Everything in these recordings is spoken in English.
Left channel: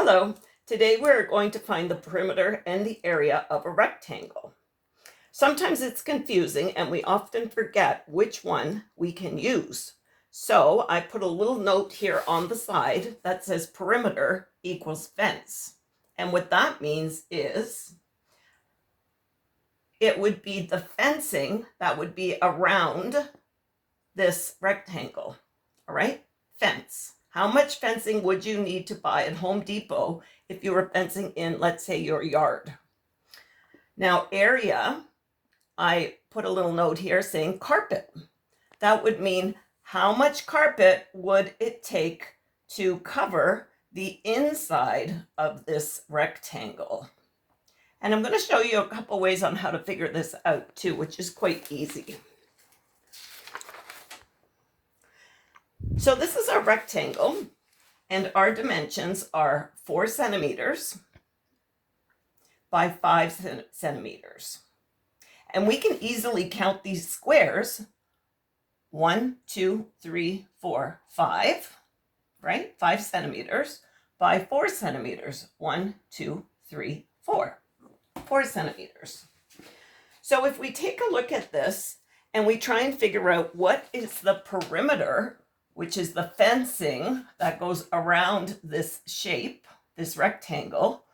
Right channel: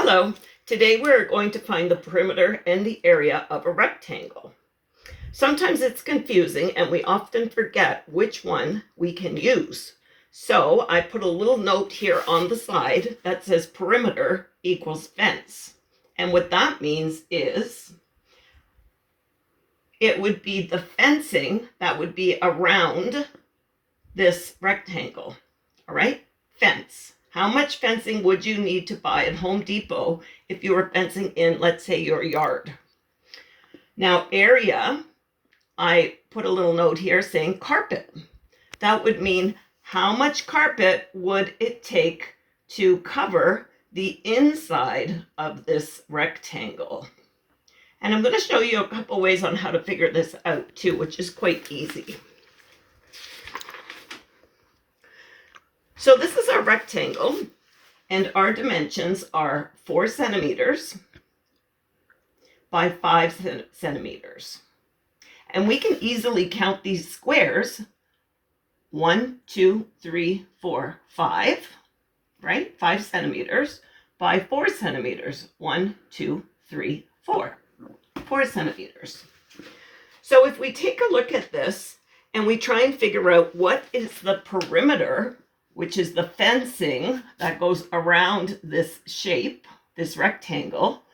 Hello, today we're going to find the perimeter and the area of a rectangle. Sometimes it's confusing and we often forget which one we can use. So I put a little note here on the side that says perimeter equals fence. And what that means is it would be the fencing that would be around this rectangle. All right, fence. How much fencing would you need to buy at Home Depot if you were fencing in, let's say, your yard? Now, area, I put a little note here saying carpet. That would mean how much carpet would it take to cover the inside of this rectangle? And I'm going to show you a couple ways on how to figure this out too, which is quite easy. So this is our rectangle, and our dimensions are 4 centimeters by 5 centimeters. And we can easily count these squares. 1, 2, 3, 4, 5, right? 5 centimeters by 4 centimeters. 1, 2, 3, 4. 4 centimeters. So if we take a look at this and we try and figure out what is the perimeter, which is the fencing that goes around this shape, this rectangle,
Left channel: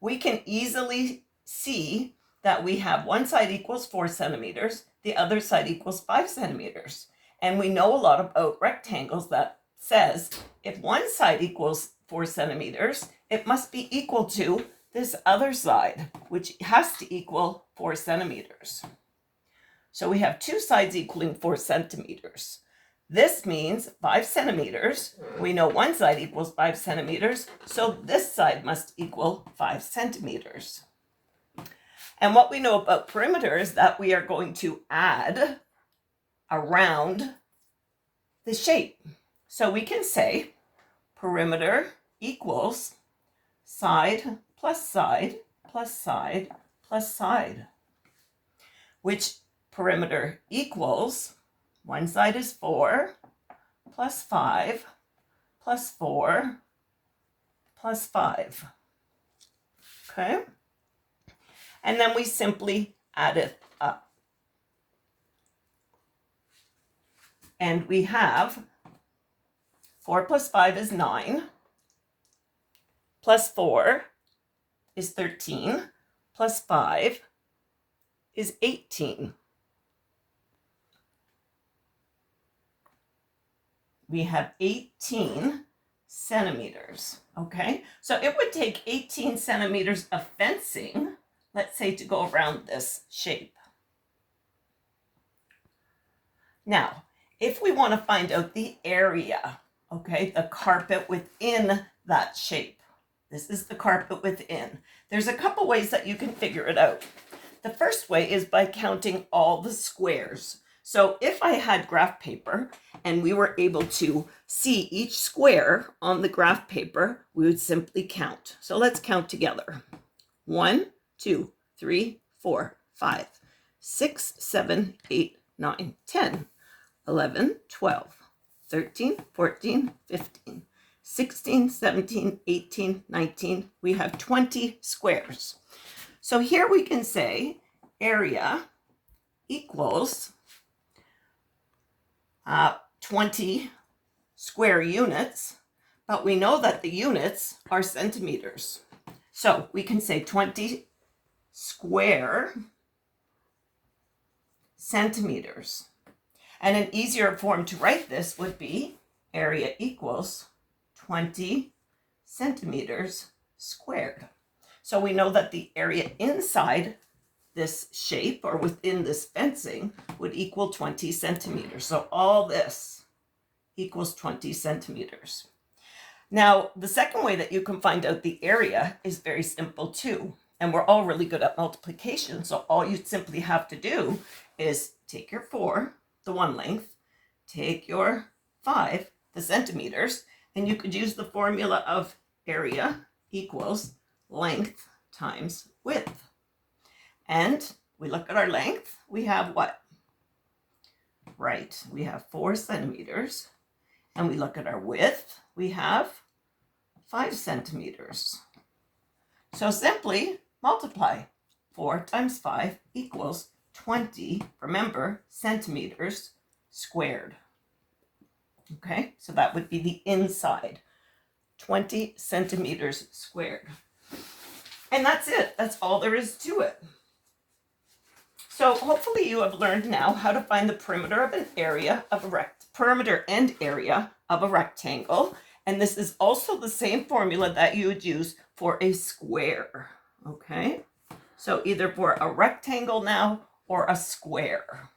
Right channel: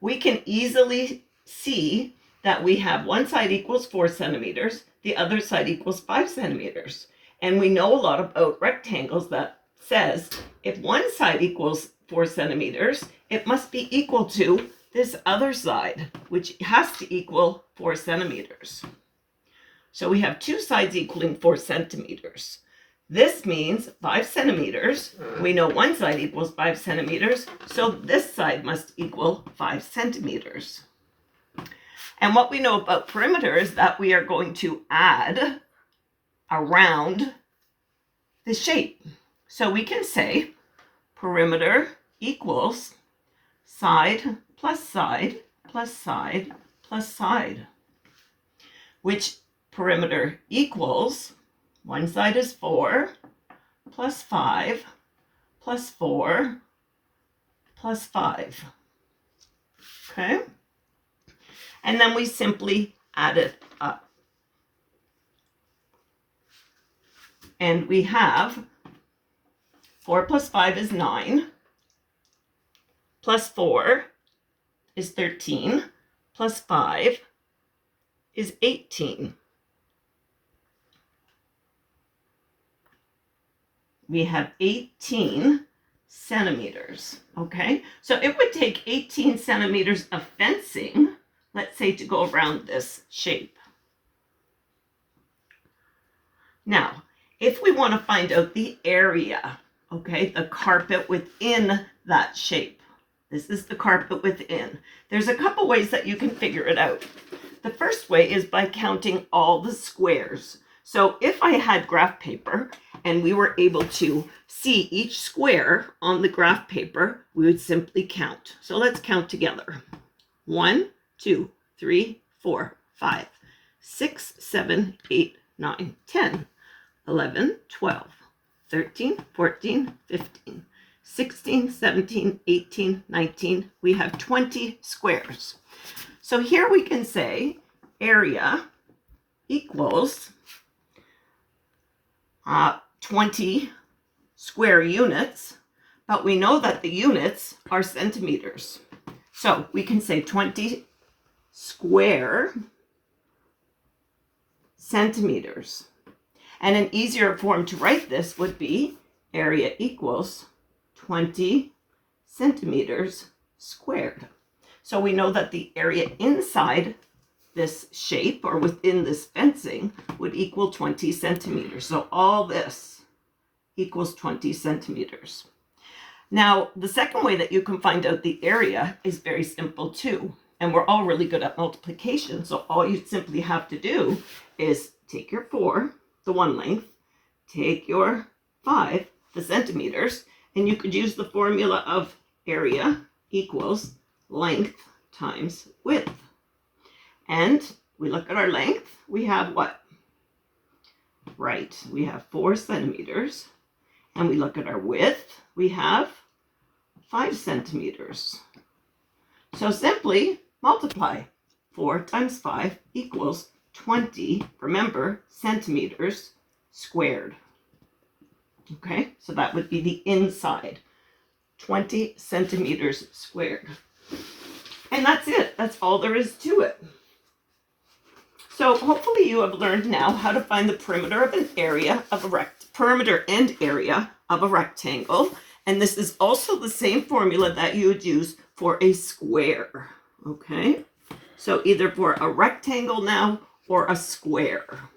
we can easily see that we have one side equals 4 centimeters, the other side equals 5 centimeters. And we know a lot about rectangles that says if one side equals 4 centimeters, it must be equal to this other side, which has to equal 4 centimeters. So we have two sides equaling 4 centimeters. This means 5 centimeters. We know one side equals 5 centimeters, so this side must equal 5 centimeters. And what we know about perimeter is that we are going to add around the shape. So we can say perimeter equals side plus side plus side plus side, which perimeter equals one side is 4 plus 5 plus 4 plus 5. Okay? And then we simply add it up. And we have 4 plus 5 is 9, plus 4 is 13, plus 5 is 18. We have 18 centimeters, okay? So it would take 18 centimeters of fencing, let's say, to go around this shape. Now, if we want to find out the area, okay, the carpet within that shape, this is the carpet within. There's a couple ways that you can figure it out. The first way is by counting all the squares. So if I had graph paper and we were able to see each square on the graph paper, we would simply count. So let's count together. 1, 2, 3, 4, 5, 6, 7, 8, 9, 10, 11, 12, 13, 14, 15, 16, 17, 18, 19. We have 20 squares. So here we can say area equals 20 square units, but we know that the units are centimeters. So we can say 20 square centimeters. And an easier form to write this would be area equals 20 centimeters squared. So we know that the area inside this shape or within this fencing would equal 20 centimeters. So all this equals 20 centimeters. Now, the second way that you can find out the area is very simple too. And we're all really good at multiplication. So all you simply have to do is take your 4, the one length, take your 5, the centimeters, and you could use the formula of area equals length times width. And we look at our length, we have what? Right, we have 4 centimeters. And we look at our width, we have 5 centimeters. So simply multiply. 4 times 5 equals 20, remember, centimeters squared. Okay, so that would be the inside. 20 centimeters squared. And that's it. That's all there is to it. So hopefully you have learned now how to find the perimeter of an area of a perimeter and area of a rectangle. And this is also the same formula that you would use for a square. Okay? So either for a rectangle now or a square.